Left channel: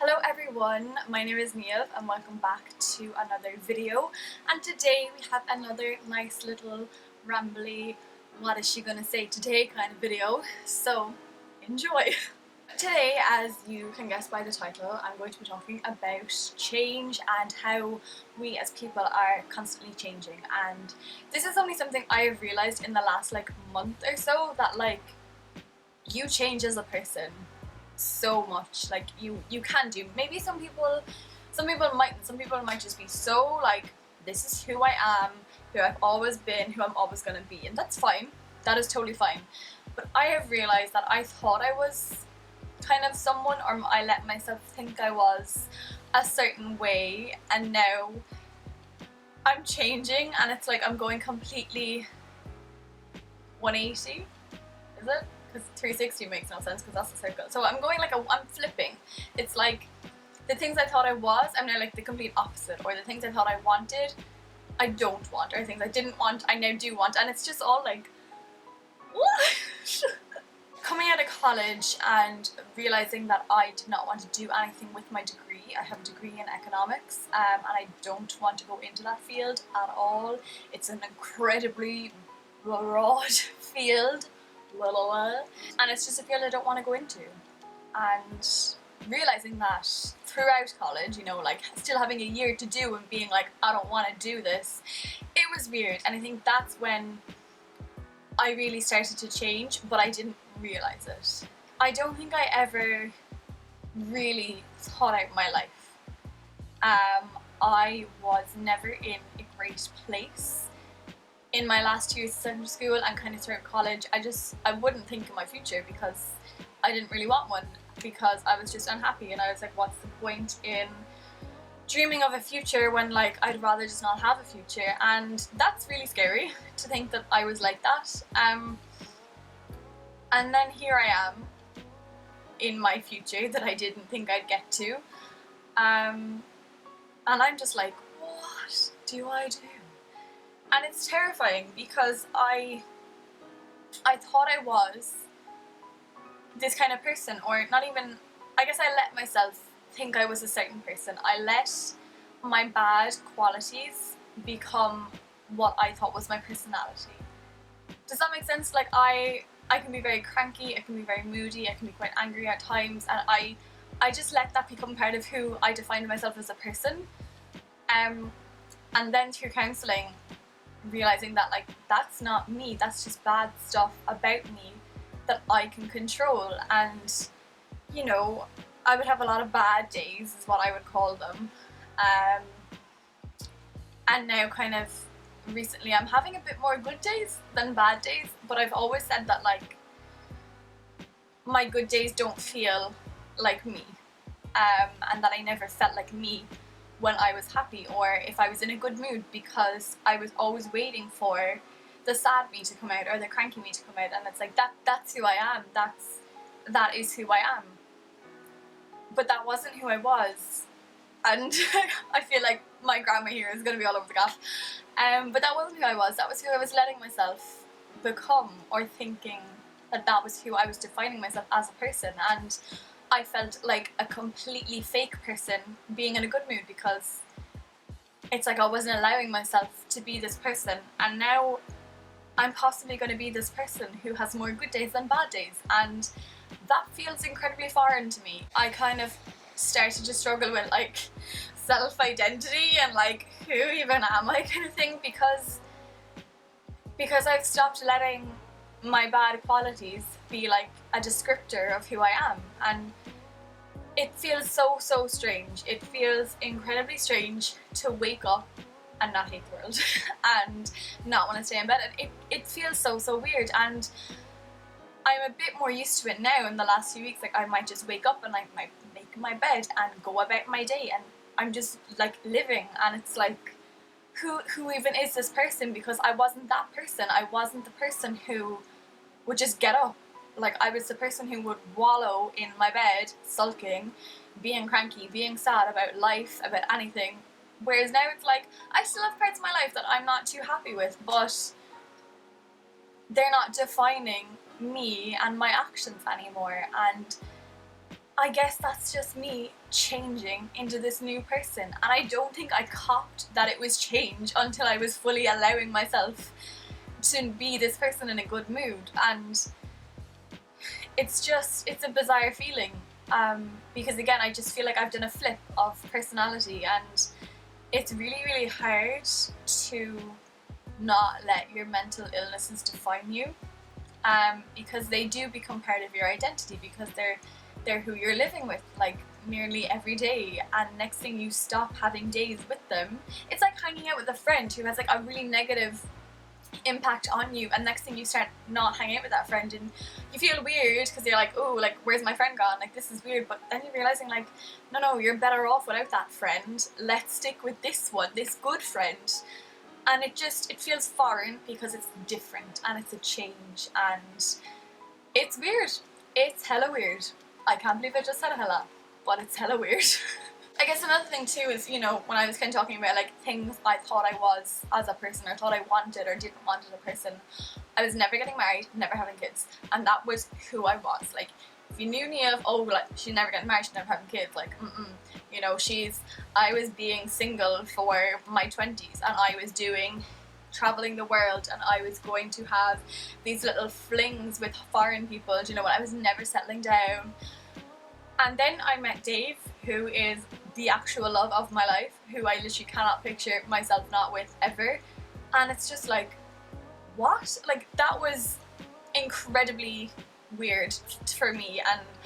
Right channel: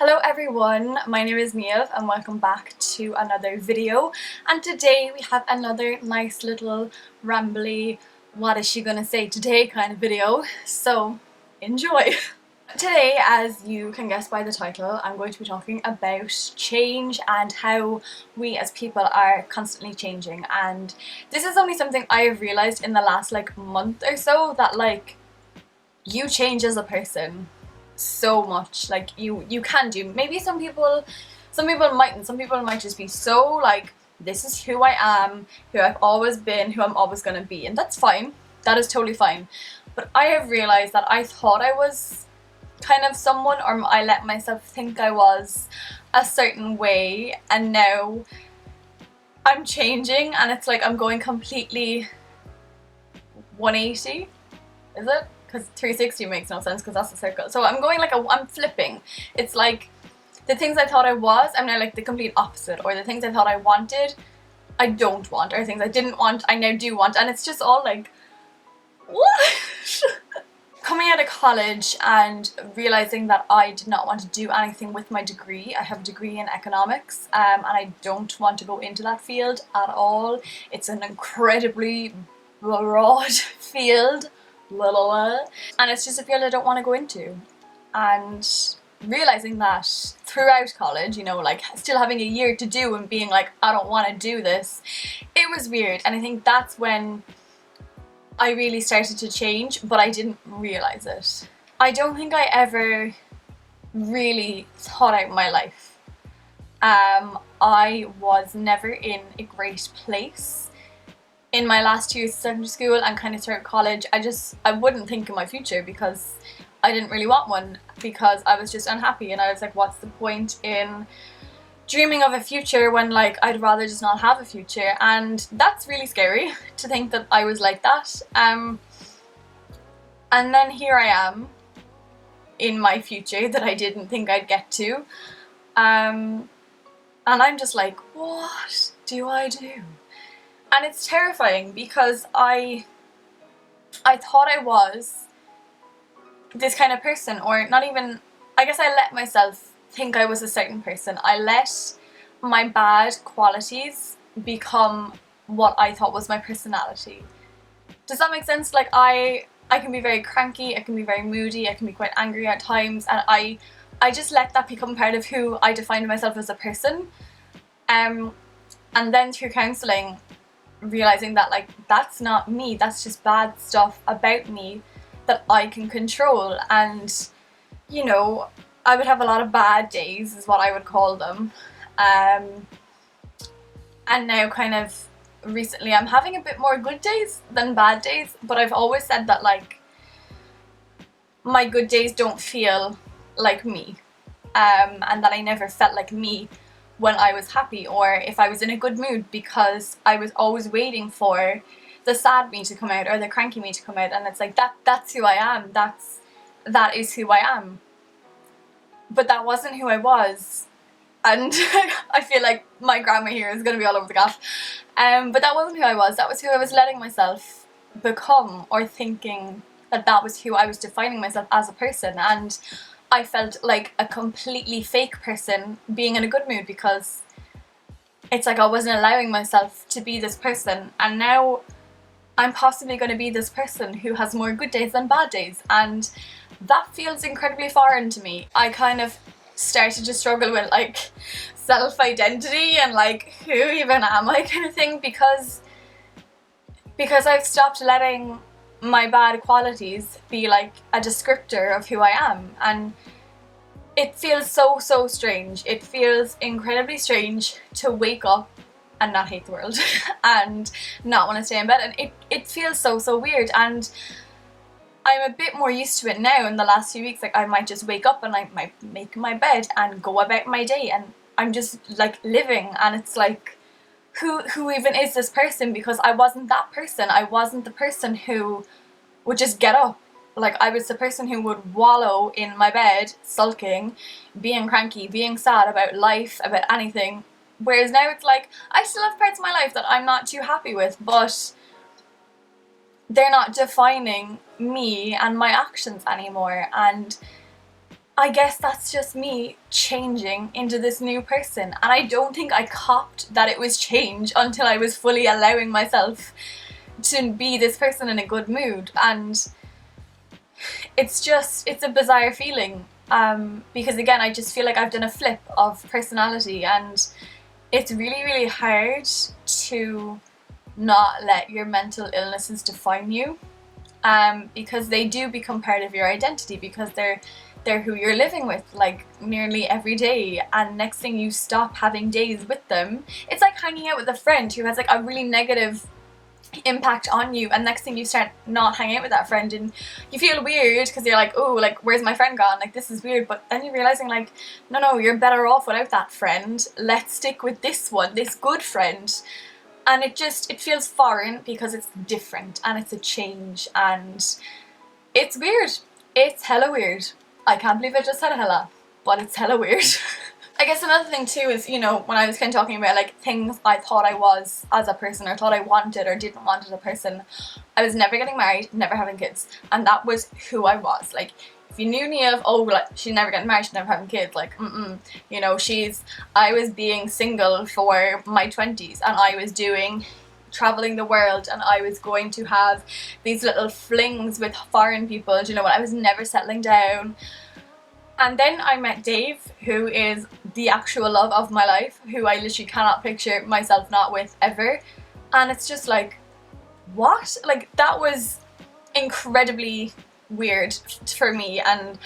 Hello everyone, my name is Niamh and welcome back to another video, and today we have another nice little rambly what is she gonna say today kind of video, so enjoy. Today, as you can guess by the title, I'm going to be talking about change and how we as people are constantly changing. And this is only something I have realised in the last month or so, that you change as a person so much. You can do, maybe some people mightn't. Some people might just be so this is who I am, who I've always been, who I'm always gonna be, and that's fine. That is totally fine. But I have realised that I thought I was kind of someone, or I let myself think I was a certain way, and now I'm changing and it's like I'm going completely 180. Is it? Because 360 makes no sense because that's a circle. So I'm going I'm flipping. It's like the things I thought I was, I'm now like the complete opposite, or the things I thought I wanted, I don't want, or things I didn't want, I now do want, and it's just all like, what? Coming out of college and realising that I did not want to do anything with my degree. I have a degree in economics, and I don't want to go into that field at all. It's an incredibly broad field, and it's just a field I don't want to go into. And realising that throughout college, still having a year to do and being like, I don't want to do this, it was weird. And I think that's when I really started to change, but I didn't realise it. I don't think I ever really thought out my life. I was never in a great place. In my last 2 years of secondary school and kind of throughout college, I wouldn't think of my future because I didn't really want one, because I was just unhappy, and I was like, what's the point in dreaming of a future when I'd rather just not have a future? And that's really scary to think that I was like that. And then here I am in my future that I didn't think I'd get to, and I'm just like, what do I do? And it's terrifying because I thought I was this kind of person, or not even, I guess I let myself think I was a certain person. I let my bad qualities become what I thought was my personality. Does that make sense? I can be very cranky, I can be very moody, I can be quite angry at times, and I just let that become part of who I defined myself as a person. And then through counselling, realising that that's not me, that's just bad stuff about me that I can control. And I would have a lot of bad days, is what I would call them, and now kind of recently I'm having a bit more good days than bad days, but I've always said that my good days don't feel like me, and that I never felt like me when I was happy or if I was in a good mood, because I was always waiting for the sad me to come out or the cranky me to come out, and it's like that's who I am, that is who I am. But that wasn't who I was, and I feel like my grammar here is going to be all over the gaff, but that wasn't who I was. That was who I was letting myself become, or thinking that was who I was defining myself as a person. And I felt like a completely fake person being in a good mood, because it's like I wasn't allowing myself to be this person, and now I'm possibly going to be this person who has more good days than bad days, and that feels incredibly foreign to me. I kind of started to struggle with self-identity and who even am I kind of thing, because I've stopped letting my bad qualities be a descriptor of who I am. And it feels so strange. It feels incredibly strange to wake up and not hate the world and not want to stay in bed, and it feels so weird. And I'm a bit more used to it now in the last few weeks. I might just wake up and I might make my bed and go about my day, and I'm just living, and it's who even is this person? Because I wasn't that person. I wasn't the person who would just get up. I was the person who would wallow in my bed, sulking, being cranky, being sad about life, about anything. Whereas now it's I still have parts of my life that I'm not too happy with, but they're not defining me and my actions anymore. And I guess that's just me changing into this new person, and I don't think I copped that it was change until I was fully allowing myself to be this person in a good mood. And it's a bizarre feeling, because again, I just feel like I've done a flip of personality, and it's really, really hard to not let your mental illnesses define you, because they do become part of your identity, because they're who you're living with like nearly every day. And next thing you stop having days with them, it's like hanging out with a friend who has like a really negative impact on you, and next thing you start not hanging out with that friend and you feel weird because you're like, oh, like where's my friend gone, like this is weird. But then you're realizing like, no, you're better off without that friend, let's stick with this one, this good friend. And it feels foreign because it's different and it's a change, and it's weird. It's hella weird. I can't believe I just said hella, but it's hella weird. I guess another thing too is, you know, when I was kind of talking about like things I thought I was as a person, or thought I wanted or didn't want as a person, I was never getting married, never having kids, and that was who I was. Like, if you knew Nia, oh, like, she's never getting married, she's never having kids, like, you know, I was being single for my 20s, and I was doing traveling the world, and I was going to have these little flings with foreign people, do you know what, I was never settling down. And then I met Dave, who is the actual love of my life, who I literally cannot picture myself not with ever. And it's just like, what? Like, that was incredibly weird for me, and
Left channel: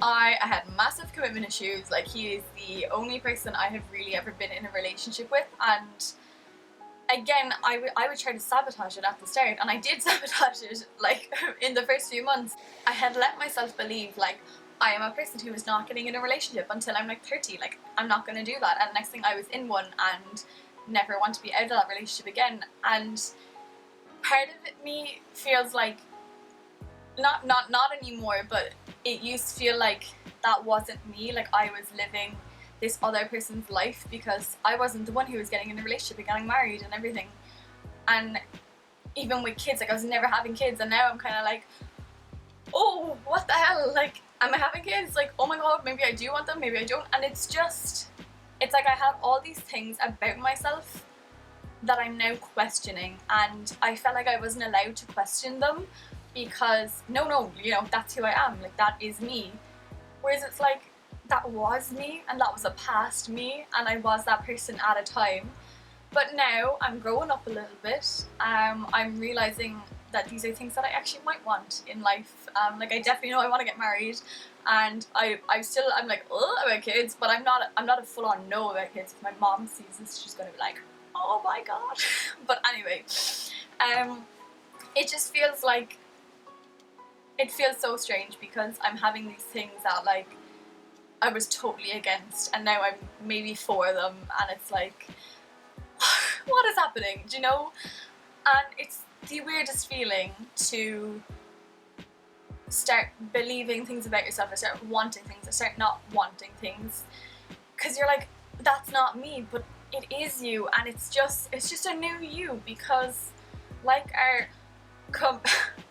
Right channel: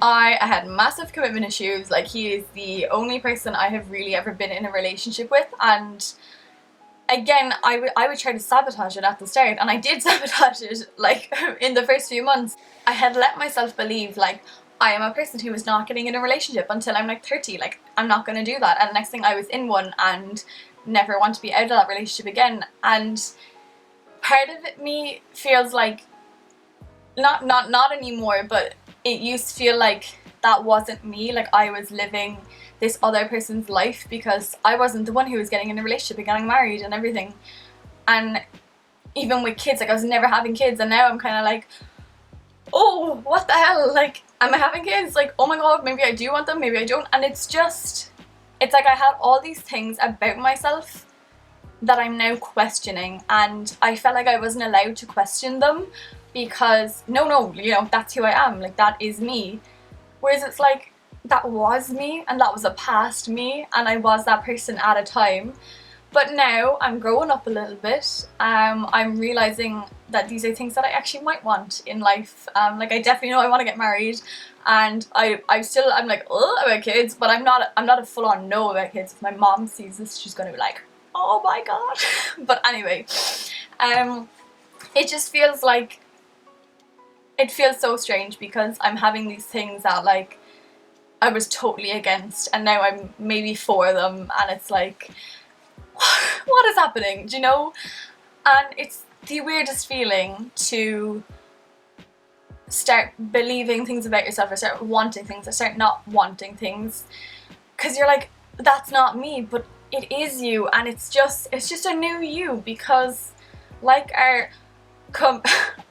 I had massive commitment issues. Like, he is the only person I have really ever been in a relationship with, and again, I would try to sabotage it at the start, and I did sabotage it, like, in the first few months. I had let myself believe, like, I am a person who is not getting in a relationship until I'm like 30, like, I'm not going to do that. And the next thing, I was in one and never want to be out of that relationship again. And part of me feels like, not anymore, but it used to feel like that wasn't me, like I was living this other person's life, because I wasn't the one who was getting in a relationship and getting married and everything. And even with kids, like, I was never having kids, and now I'm kind of like, oh, what the hell, like, am I having kids? Like, oh my god, maybe I do want them, maybe I don't. And it's like I had all these things about myself that I'm now questioning, and I felt like I wasn't allowed to question them, because no, you know, that's who I am, like, that is me. Whereas it's like, that was me, and that was a past me, and I was that person at a time. But now I'm growing up a little bit. I'm realizing that these are things that I actually might want in life. Like, I definitely know I want to get married, and I'm like, oh, about kids, but I'm not a full-on no about kids. If my mom sees this, she's gonna be like, oh my god. But anyway, it just feels like, it feels so strange, because I'm having these things that, like, I was totally against, and now I'm maybe for them, and it's like, what is happening, do you know? And it's the weirdest feeling to start believing things about yourself, or start wanting things, or start not wanting things, because you're like, that's not me, but it is you. And it's just a new you, because like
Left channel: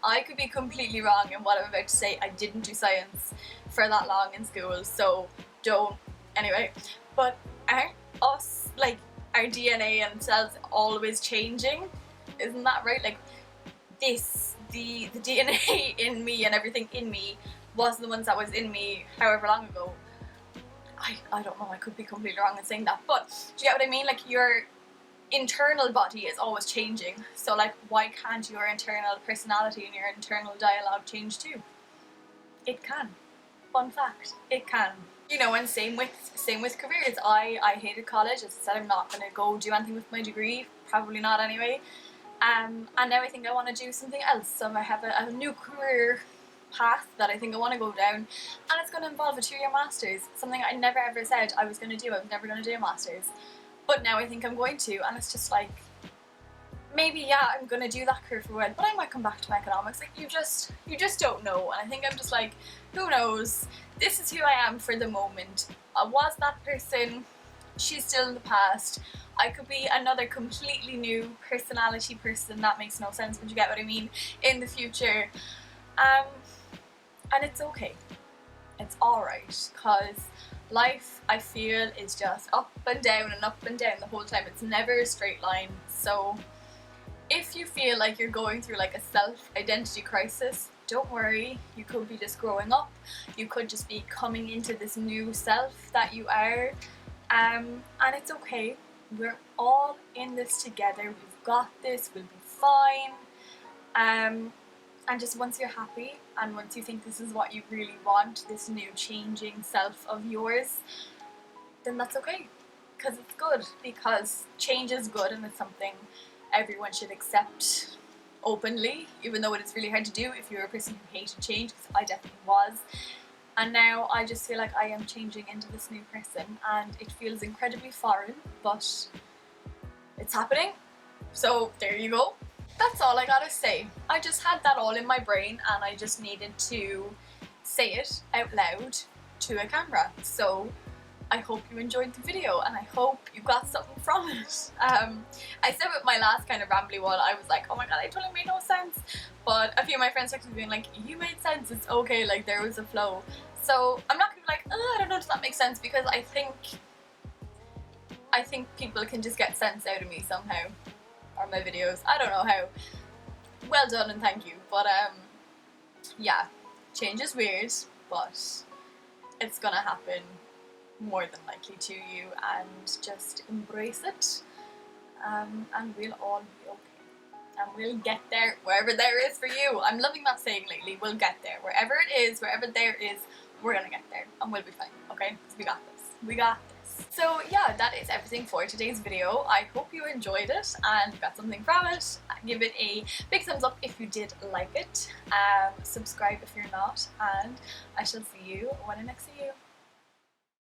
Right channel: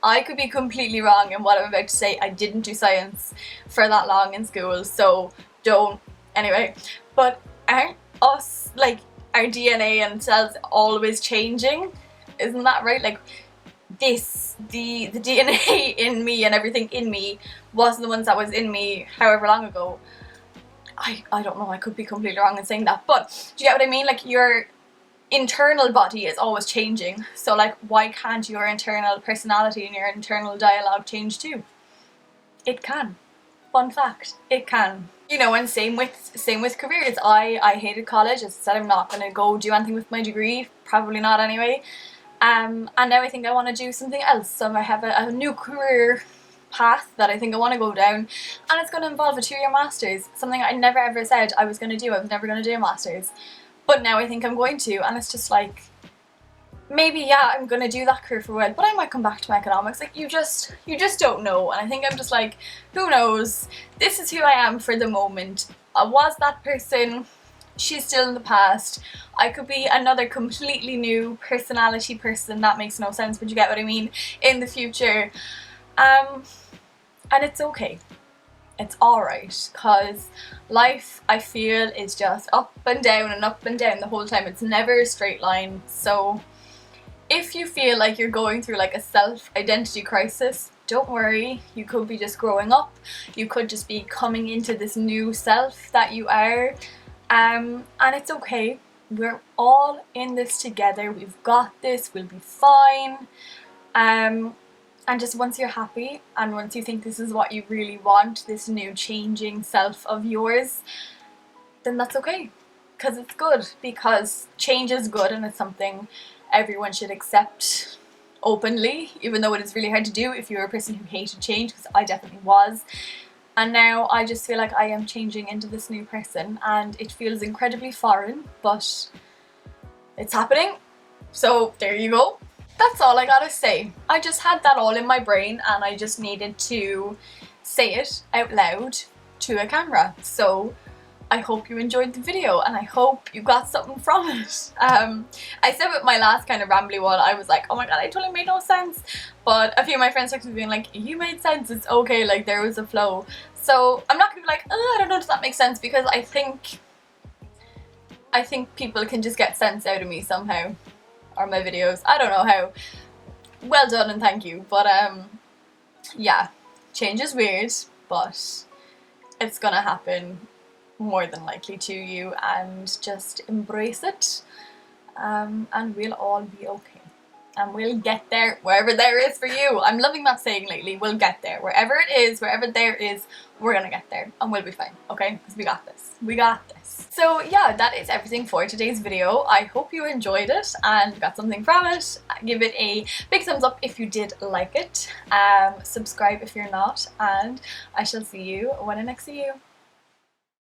I could be completely wrong in what I'm about to say. I didn't do science for that long in school, so don't, anyway. But aren't us, like, our DNA and cells always changing? Isn't that right? Like, the DNA in me and everything in me wasn't the ones that was in me however long ago. I don't know, I could be completely wrong in saying that, but do you get what I mean? Like, your internal body is always changing, so like, why can't your internal personality and your internal dialogue change too? It can. Fun fact, it can. You know, and same with careers. I hated college. I said I'm not gonna go do anything with my degree, probably not anyway. And now I think I want to do something else. So I have a new career path that I think I want to go down, and it's going to involve a 2-year master's, something I never ever said I was going to do. I was never going to do a master's, but now I think I'm going to, and it's just like, maybe, yeah, I'm going to do that career for a while, but I might come back to my economics. Like, you just don't know. And I think I'm just like, who knows? This is who I am for the moment. I was that person. She's still in the past. I could be another completely new personality person. That makes no sense, but you get what I mean, in the future. And it's okay. it's alright, because life, I feel, is just up and down and up and down the whole time. It's never a straight line. So if you feel like you're going through like a self-identity crisis, don't worry. You could be just growing up. You could just be coming into this new self that you are. And it's okay. We're all in this together. We've got this. We'll be fine. And just once you're happy and once you think this is what you really want, this new changing self of yours, then that's okay. Because it's good. Because change is good, and it's something everyone should accept openly, even though it is really hard to do if you're a person who hated change, because I definitely was. And now I just feel like I am changing into this new person, and it feels incredibly foreign, but it's happening. So there you go. That's all I gotta say. I just had that all in my brain, and I just needed to say it out loud to a camera. So I hope you enjoyed the video, and I hope you got something from it. I said with my last kind of rambly one, I was like, oh my god, I totally made no sense. But a few of my friends texted me being like, you made sense, it's okay, like there was a flow. So I'm not gonna be like, oh, I don't know, does that make sense? Because I think people can just get sense out of me somehow, or my videos. I don't know how. Well done and thank you. But yeah, change is weird, but it's gonna happen more than likely to you, and just embrace it, and we'll all be okay, and we'll get there wherever there is for you. I'm loving that saying lately. We'll get there wherever it is, wherever there is, we're gonna get there, and we'll be fine, okay? Because we got this. We got this. So yeah, that is everything for today's video. I hope you enjoyed it and got something from it. Give it a big thumbs up if you did like it. Subscribe if you're not, and I shall see you when I next see you.